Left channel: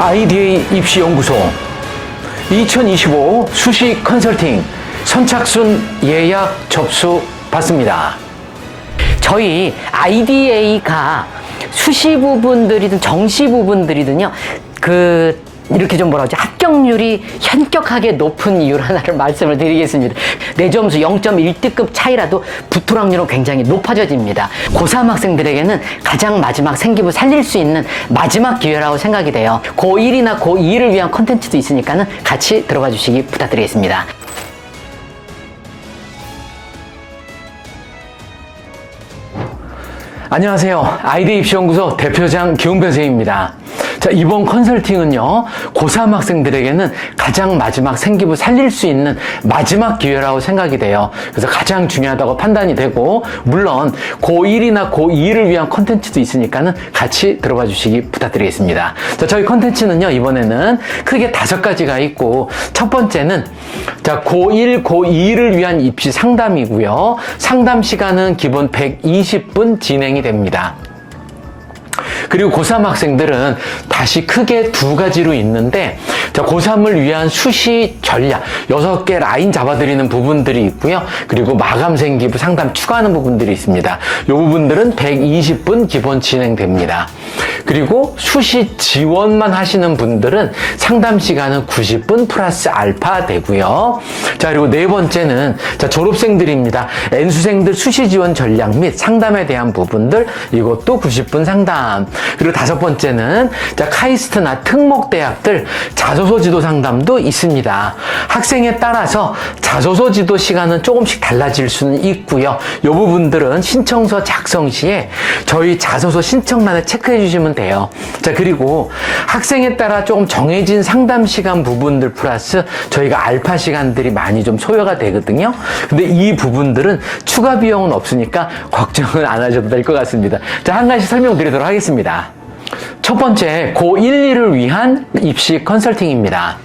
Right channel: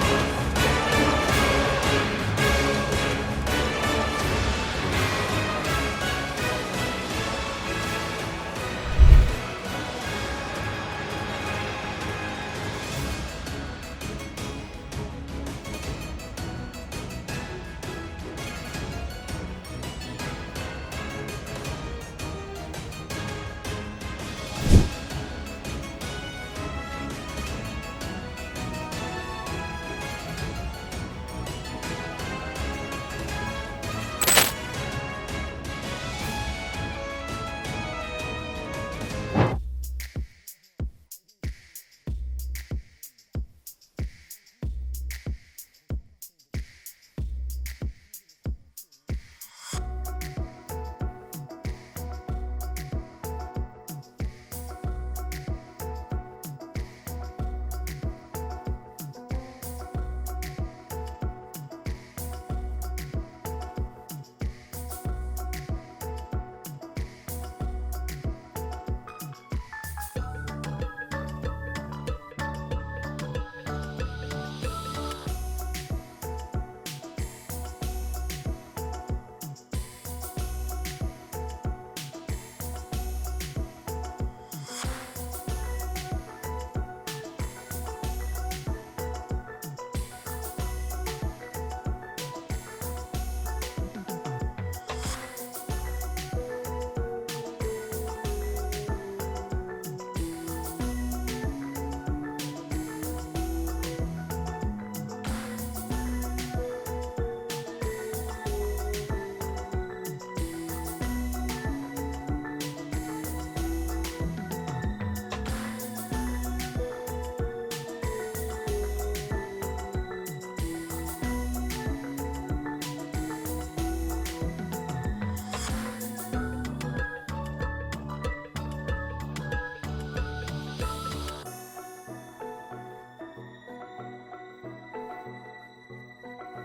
IDA 입시연구소 2025 수시 컨설팅 선착순 예약 접수 받습니다. 저희 IDA가 수시 부분들이든 정시 부분들이든요, 이렇게 좀 합격률이 현격하게 높은 이유 하나를 말씀을 드리겠습니다. 내 점수 0.1등급 차이라도 붙을 확률은 굉장히 높아져집니다. 고3 학생들에게는 가장 마지막 생기부 살릴 수 있는 마지막 기회라고 생각이 돼요. 고1이나 고2를 위한 콘텐츠도 있으니까는 같이 들어가 주시기 부탁드리겠습니다. 안녕하세요. IDA 입시연구소 대표장 기홍변 선생님입니다. 자, 이번 컨설팅은요, 고3 학생들에게는 가장 마지막 생기부 살릴 수 있는 마지막 기회라고 생각이 돼요. 그래서 가장 중요하다고 판단이 되고, 물론 고1이나 고2를 위한 컨텐츠도 있으니까는 같이 들어봐 주시기 부탁드리겠습니다. 자, 저희 컨텐츠는요, 이번에는 크게 5가지가 있고, 첫 번째는 자, 고1, 고2를 위한 입시 상담이고요. 상담 시간은 기본 120분 진행이 됩니다. 그리고 고3 학생들은 다시 크게 2가지로 있는데, 자, 고3을 위한 수시 전략 6개 라인 잡아드리는 부분들이 있고요. 그리고 마감 생기부 상담 추가하는 부분들이 있습니다. 이 부분들은 120분 기본 진행됩니다. 그리고 수시 지원만 하시는 분들은 상담 시간은 90분 플러스 알파 되고요. 자, 그리고 네 번째는 자, 졸업생들입니다. N수생들 수시 지원 전략 및 상담에 대한 부분들, 이것도 90분 상담. 그리고 5번째는 자, 카이스트나 특목대학들 자소서 지도 상담도 있습니다. 학생에 따라서 자소서 지도 시간은 조금씩 달라질 수는 있고요. 이 부분들은 신청서 작성 시에 저희 자소서 신청란에 체크해 주시면 돼요. 자, 그리고 학생에 따라 조금 정해진 상담 시간 부분들 플러스 저희가 알파 시간들이 많이 좀 소요가 되거든요. 근데 이 부분들은 추가 비용은 없으니까 걱정은 안 하셔도 될 것 같습니다. 자, 한 가지 설명드리도록 하겠습니다. 첫 번째, 고1, 2를 위한 입시 컨설팅입니다.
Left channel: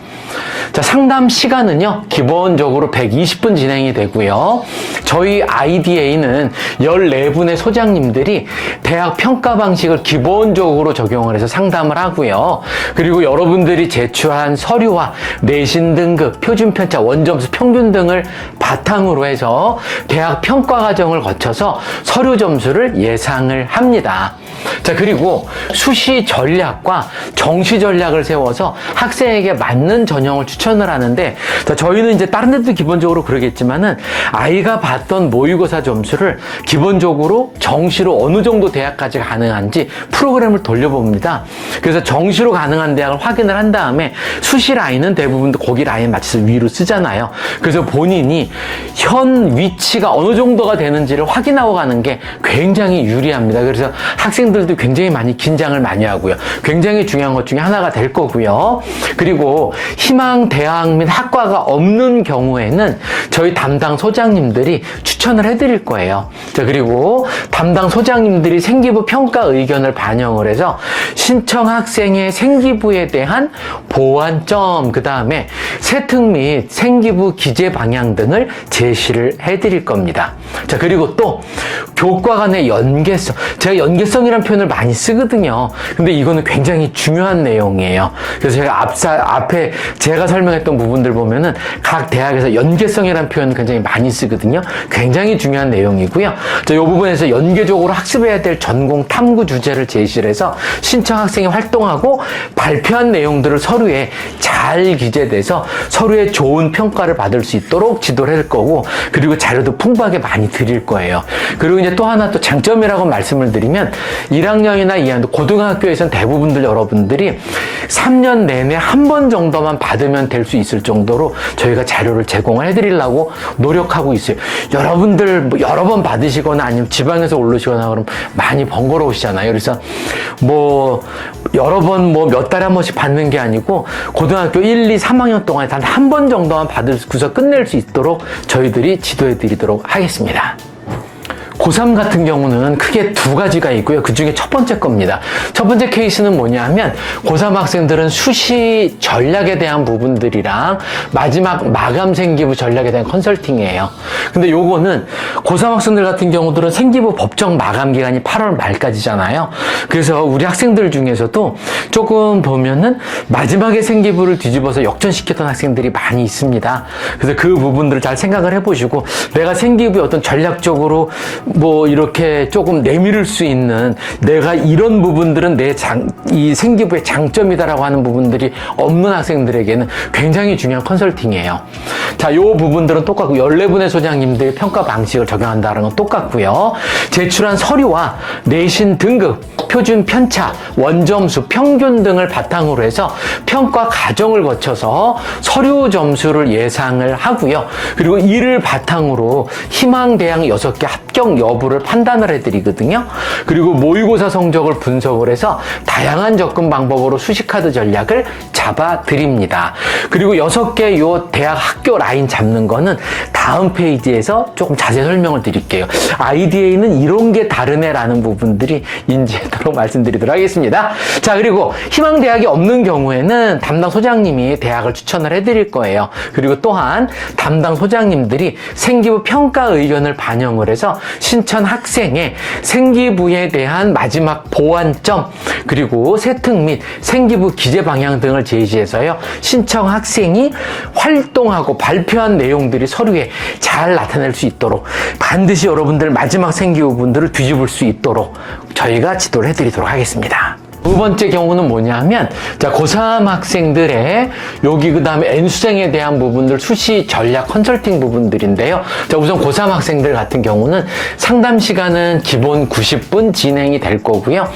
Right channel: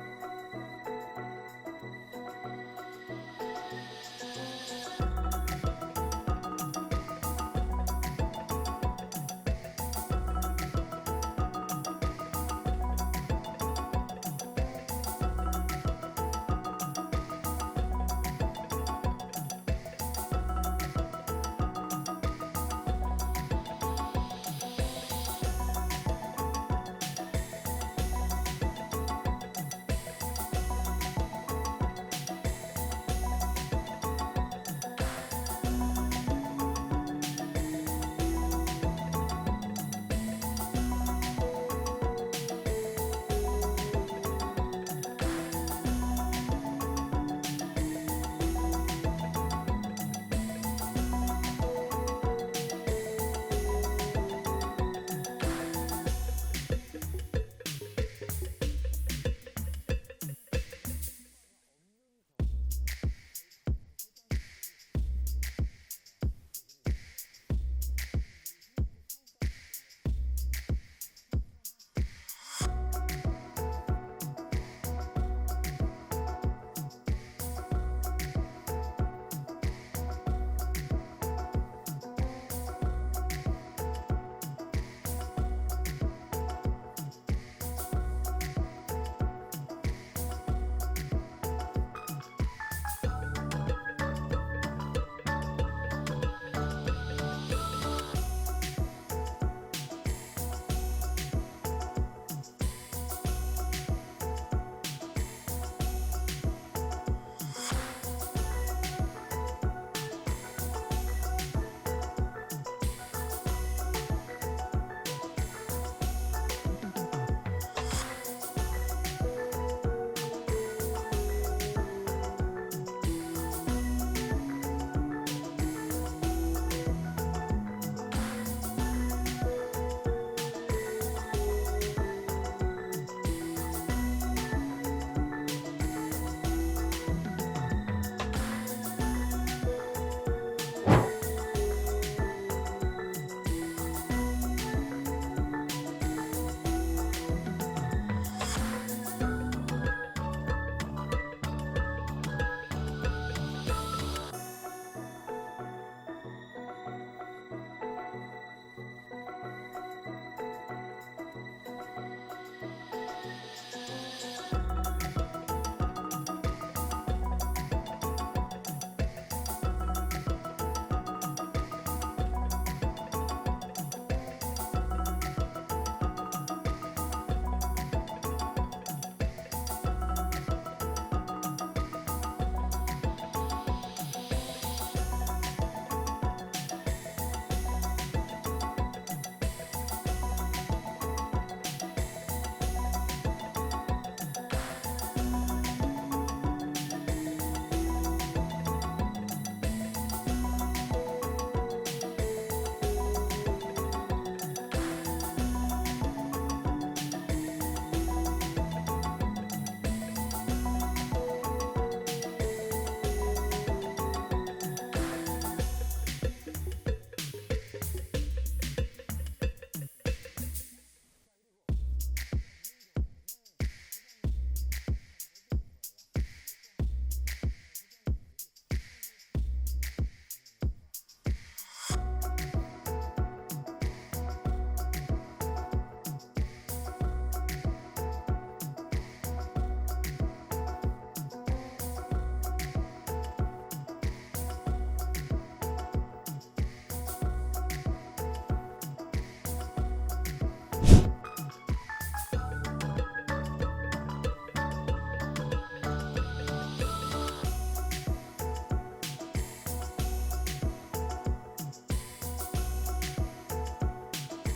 자, 상담 시간은요, 기본적으로 120분 진행이 되고요. 저희 IDA는 14분의 소장님들이 대학 평가 방식을 기본적으로 적용을 해서 상담을 하고요. 그리고 여러분들이 제출한 서류와 내신 등급, 표준 편차, 원점수, 평균 등을 바탕으로 해서 대학 평가 과정을 거쳐서 서류 점수를 예상을 합니다. 자, 그리고 수시 전략과 정시 전략을 세워서 학생에게 맞는 전형을 추천을 하는데, 자, 저희는 이제 다른 데도 기본적으로 그러겠지만은 아이가 봤던 모의고사 점수를 기본적으로 정시로 어느 정도 대학까지 가능한지 프로그램을 돌려봅니다. 그래서 정시로 가능한 대학을 확인을 한 다음에 수시 라인은 대부분 거기 라인 맞춰서 위로 쓰잖아요. 그래서 본인이 현 위치가 어느 정도가 되는지를 확인하고 가는 게 굉장히 유리합니다. 그래서 학생들도 굉장히 많이 긴장을 많이 하고요. 굉장히 중요한 것 중에 하나가 될 거고요. 그리고 희망 대학 및 학과가 없는 경우에는 저희 담당 소장님들이 추천을 해드릴 거예요. 자, 그리고 담당 소장님들이 생기부 평가 의견을 반영을 해서 신청 학생의 생기부에 대한 보완점, 그 다음에 세특 및 생기부 기재 방향 등을 제시를 해드릴 겁니다. 자, 그리고 또 교과 간의 연계성, 제가 연계성이라는 표현을 많이 쓰거든요. 근데 이거는 굉장히 중요한 내용이에요. 그래서 제가 앞에 제가 설명했던 부분들 보면은 각 대학에서 연계성이라는 표현을 굉장히 많이 쓰거든요. 굉장히 중요한 내용이고요. 자, 이 부분에서 연계적으로 학습해야 될 전공 탐구 주제를 제시를 해서 신청 학생이 활동하고 발표한 내용들을 서류에 잘 기재돼서 서류에 좋은 평가를 받을 수 있도록 지도를 할 거고, 그리고 자료도 풍부하게 많이 드릴 거예요. 그리고 이제 또 하나 또 장점이라고 말씀을 드리면 1학년이나 2학년, 고등학교에서는 대부분들 여러분들이 3년 내내 한 번 정도만 받으면 될 수 있을 정도로 저희가 자료를 제공을 해드리려고 노력하고 있어요. 여러분들 뭐 여러 번 받으시거나 아니면 지방에서 올르시거나 그러면 많이 번거로우시잖아요. 그래서 뭐 여러 번 뭐 몇 달에 한 번씩 받는 게 아니고 고등학교 1, 2, 3학년 동안에 단 한 번 정도만 받으면서 끝낼 수 있도록 저희들이 지도해 드리도록 하겠습니다. 고3 같은 경우는 크게 두 가지가 있고요. 그 중에 첫 번째 겁니다. 첫 번째 케이스는 뭐냐면 고3 학생들은 수시 전략에 대한 부분들이랑 마지막 마감 생기부 전략에 대한 컨설팅이에요. 근데 요거는 고3 학생들 같은 경우들은 생기부 법정 마감 기간이 8월 말까지잖아요. 그래서 우리 학생들 중에서도 조금 보면은 마지막에 생기부를 뒤집어서 역전시켰던 학생들이 많이 있습니다. 그래서 그 부분들을 잘 생각을 해보시고 내가 생기부에 어떤 전략적으로 뭐 이렇게 조금 내밀을 수 있는 내가 이런 부분들은 이 생기부의 장점이다라고 하는 부분들이 없는 학생들에게는 굉장히 중요한 컨설팅이에요. 자, 요 부분들은 똑같고 14분의 소장님들의 평가 방식을 적용한다는 건 똑같고요. 제출한 서류와 내신 등급, 표준 편차, 원점수, 평균 등을 바탕으로 해서 평가 과정을 거쳐서 서류 점수를 예상을 하고요. 그리고 이를 바탕으로 희망대학 6개 합격 여부를 판단을 해드리거든요. 그리고 모의고사 성적을 분석을 해서 다양한 접근 방법으로 수시카드 전략을 잡아드립니다. 그리고 6개 요 대학 학교 라인 잡는 거는 다음 페이지에서 조금 자세히 설명을 드릴게요. IDA는 이런 게 다르네라는 부분들이 인지하도록 말씀드리도록 하겠습니다. 자, 그리고 희망대학이 없는 경우에는 담당 소장님이 대학을 추천을 해드릴 거예요. 그리고 또한 담당 소장님들이 생기부 평가 의견을 반영을 해서 신청 학생의 생기부에 대한 마지막 보완점 그리고 세특 및 생기부 기재 방향 등을 제시해서요. 신청 학생이 활동하고 발표한 내용들이 서류에 잘 나타낼 수 있도록 반드시 여러분들 마지막 생기부 분들을 뒤집을 수 있도록 저희가 지도를 해드리도록 하겠습니다. 두 번째 경우는 뭐냐면 자, 고3 학생들의 여기 그 다음에 N수생에 대한 부분들 수시 전략 컨설팅 부분들인데요. 자, 우선 고3 학생들 같은 경우는 상담 시간은 기본 90분 진행이 될 거고요.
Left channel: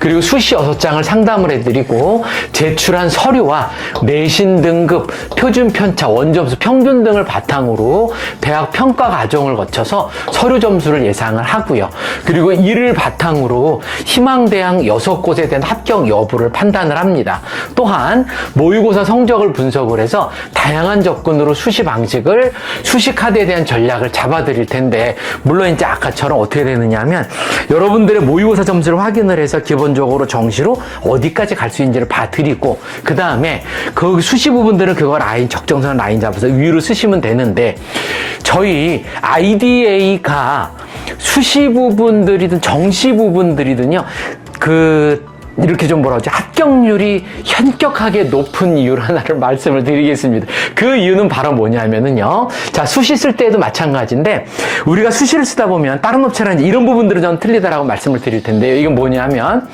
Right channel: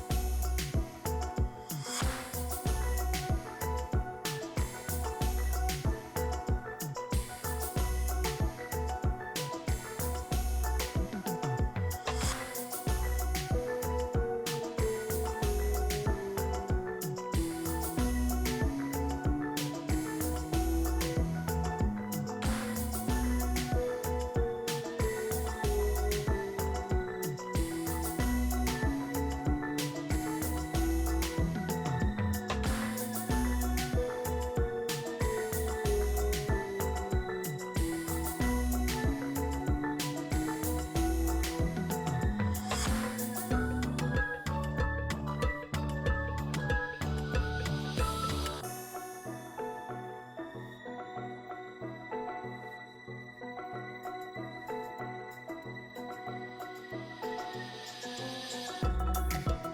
그리고 수시 6장을 상담을 해드리고 제출한 서류와 내신 등급, 표준 편차, 원점수, 평균 등을 바탕으로 대학 평가 과정을 거쳐서 서류 점수를 예상을 하고요. 그리고 이를 바탕으로 희망대학 6곳에 대한 합격 여부를 판단을 합니다. 또한 모의고사 성적을 분석을 해서 다양한 접근으로 수시 방식을 수시 카드에 대한 전략을 잡아드릴 텐데 물론 이제 아까처럼 어떻게 되느냐 하면 여러분들의 모의고사 점수를 확인을 해서 기본적으로 정시로 어디까지 갈 수 있는지를 봐드리고 그 다음에 그 수시 부분들은 그거 라인 적정선 라인 잡아서 위로 쓰시면 되는데 저희 IDA가 수시 부분들이든 정시 부분들이든요 이렇게 좀 뭐라 하지? 합격률이 현격하게 높은 이유 하나를 말씀을 드리겠습니다. 그 이유는 바로 뭐냐면은요. 자, 수시 쓸 때도 마찬가지인데, 우리가 수시를 쓰다 보면 다른 업체랑 이런 부분들은 좀 틀리다라고 말씀을 드릴 텐데요. 이건 뭐냐면,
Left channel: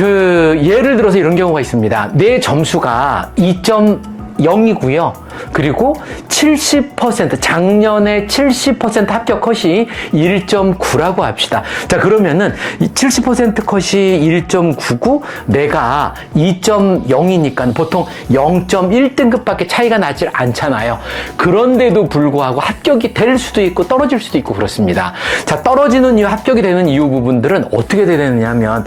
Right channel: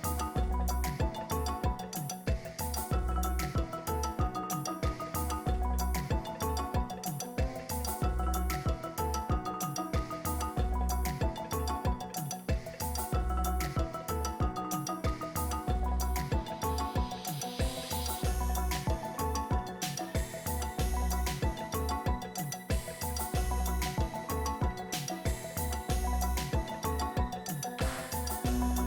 예를 들어서 이런 경우가 있습니다. 내 점수가 2.0이고요. 그리고 70% 작년에 70% 합격 컷이 1.9라고 합시다. 자, 그러면은 70% 컷이 1.9고 내가 2.0이니까 보통 0.1등급밖에 차이가 나질 않잖아요. 그런데도 불구하고 합격이 될 수도 있고 떨어질 수도 있고 그렇습니다. 자, 떨어지는 이유, 합격이 되는 이유 부분들은 어떻게 되느냐면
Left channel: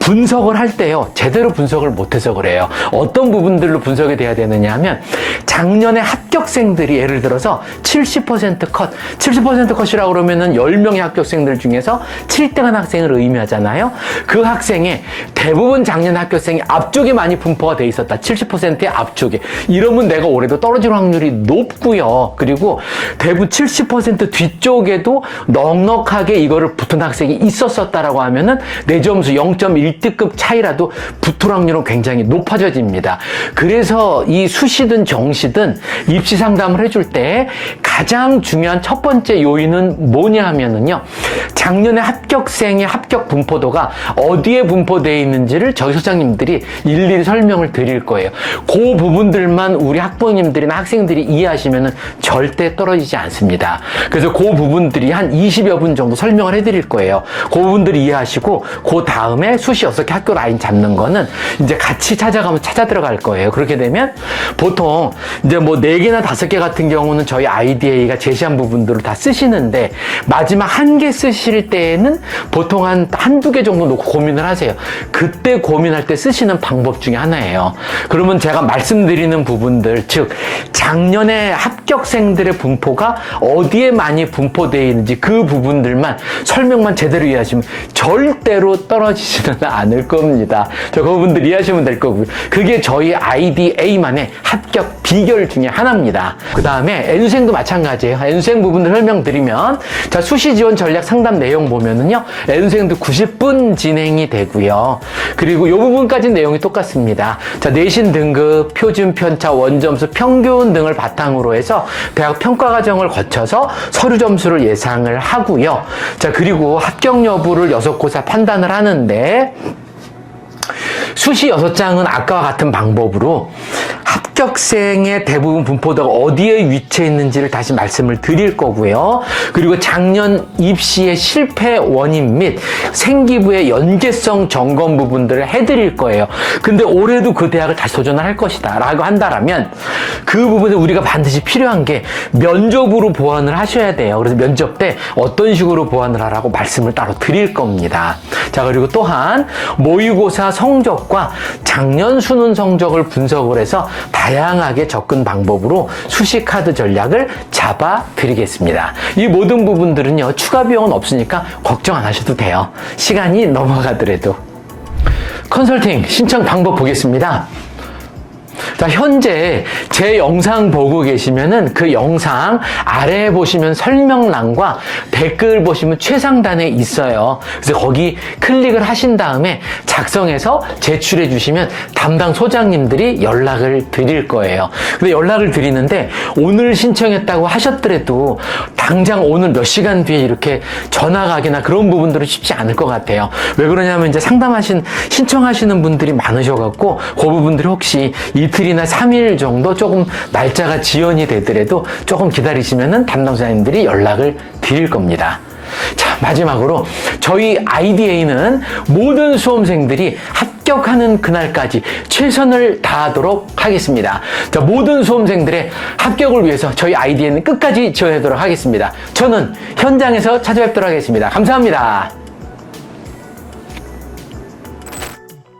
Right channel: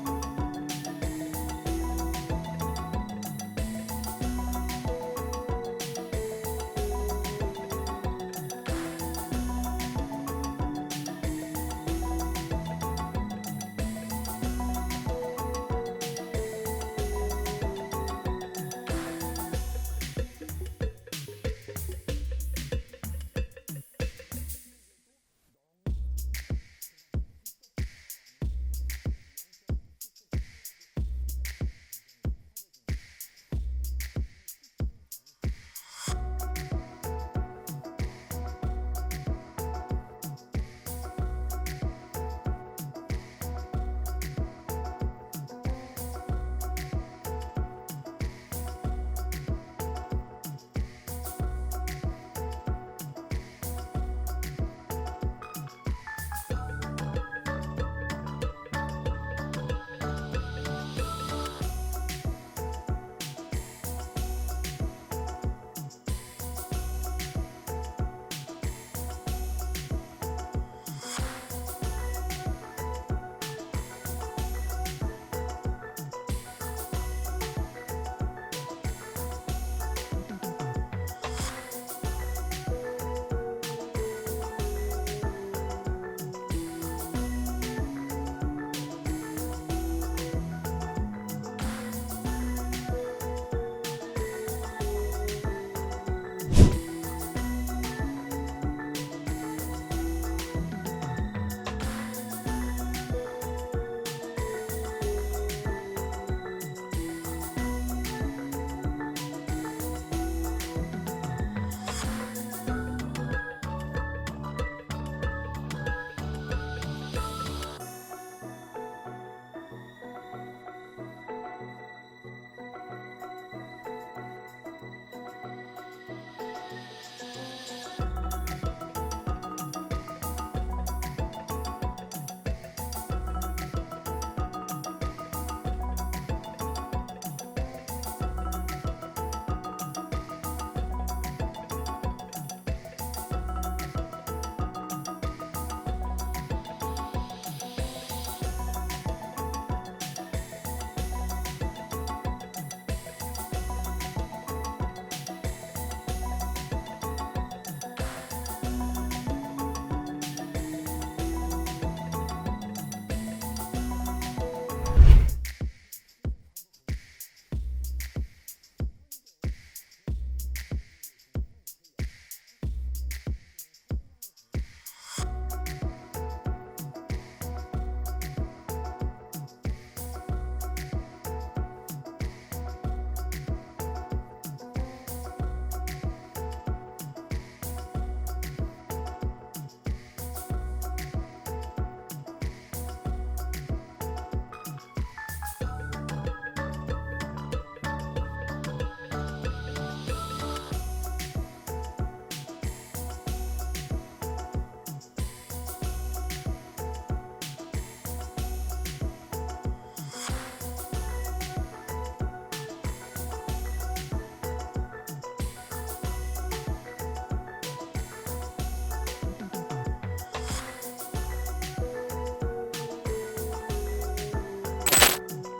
분석을 할 때요. 제대로 분석을 못해서 그래요. 어떤 부분들로 분석이 돼야 되느냐 하면 작년에 합격생들이 예를 들어서 70% 컷, 70% 컷이라고 그러면은 10명의 합격생들 중에서 7등한 학생을 의미하잖아요. 그 학생의 대부분 작년 합격생이 앞쪽에 많이 분포가 돼 있었다. 70%의 앞쪽에. 이러면 내가 올해도 떨어질 확률이 높고요. 그리고 대부분 70% 뒤쪽에도 넉넉하게 이거를 붙은 학생이 있었었다라고 하면은 내 점수 0.1등급 차이라도 붙을 확률은 굉장히 높아져집니다. 그래서 이 수시든 정시든 입시 상담을 해줄 때 가장 중요한 첫 번째 요인은 뭐냐 하면은요. 작년에 합격생의 합격 분포도가 어디에 분포되어 있는지를 저희 소장님들이 일일이 설명을 드릴 거예요. 그 부분들만 우리 학부모님들이나 학생들이 이해하시면은 절대 떨어지지 않습니다. 그래서 그 부분들이 한 20여 분 정도 설명을 해드릴 거예요. 그 부분들이 이해하시고 그 다음에 수시 6개 학교 라인 잡는 거는 이제 같이 찾아가면 찾아 들어갈 거예요. 그렇게 되면 보통 이제 뭐 4개나 5개 같은 경우는 저희 IDA가 제시한 부분들을 다 쓰시는데 마지막 1개 쓰실 때에는 보통 한두 개 정도 놓고 고민을 하세요. 그 그때 고민할 때 쓰시는 방법 중에 하나예요. 그러면 제가 말씀드리는 부분들, 즉 작년에 합격생들의 분포가 어디에 많이 분포되어 있는지 그 부분들만 설명만 제대로 이해하시면 절대로 떨어지지는 않을 겁니다. 저 그분들 이해하시면 될 거고요. 그게 저희 IDA만의 합격 비결 중에 하나입니다. 그 다음에 N수생도 마찬가지예요. N수생 부분을 설명드리면, 자, 수시 지원 전략 상담 내용 보면은요, N수생도 90분 진행이 되고요. 그리고 이 부분까지 내용이 똑같습니다. 자, 내신 등급, 표준 편차, 원점수, 평균 등을 바탕으로 해서 대학 평가 과정을 거쳐서 서류 점수를 예상을 하고요. 자, 그리고 합격 여부를 6고사 판단을 하는데, 수시 6장은 아까와 같은 방법으로 합격생의 대부분 분포도가 어디에 위치해 있는지를 다시 말씀을 드릴 거고요. 그리고 작년 입시의 실패 원인 및 생기부의 연계성 점검 부분들을 해드릴 거예요. 근데 올해도 그 대학을 다시 도전을 할 것이다 라고 한다면 그 부분에 우리가 반드시 필요한 게 면접으로 보완을 하셔야 돼요. 그래서 면접 때 어떤 식으로 보완을 하라고 말씀을 따로 드릴 겁니다. 자, 그리고 또한 모의고사 성적과 작년 수능 성적을 분석을 해서 다양하게 접근 방법으로 수시 카드 전략을 잡아 드리겠습니다. 이 모든 부분들은요, 추가 비용은 없으니까 걱정 안 하셔도 돼요. 시간이 넘어가더라도. 컨설팅 신청 방법 보겠습니다. 자, 현재 제 영상 보고 계시면은 그 영상 아래에 보시면 설명란과 댓글 보시면 최상단에 있어요. 그래서 거기 클릭을 하신 다음에 작성해서 제출해 주시면 담당 소장님들이 연락을 드릴 거예요. 근데 연락을 드리는데 오늘 신청했다고 하셨더라도 당장 오늘 몇 시간 뒤에 이렇게 전화 가기나 그런 부분들은 쉽지 않을 것 같아요. 왜 그러냐면 이제 신청하시는 분들이 많으셔갖고 그 부분들이 혹시 이틀이나 3일 정도 조금 날짜가 지연이 되더라도 조금 기다리시면은 담당자님들이 연락을 드릴 겁니다. 자, 마지막으로 저희 IDA는 모든 수험생들이 합격하는 그날까지 최선을 다하도록 하겠습니다. 자, 모든 수험생들의 합격을 위해서 저희 IDA는 끝까지 지원하도록 하겠습니다. 저는 현장에서 찾아뵙도록 하겠습니다. 감사합니다.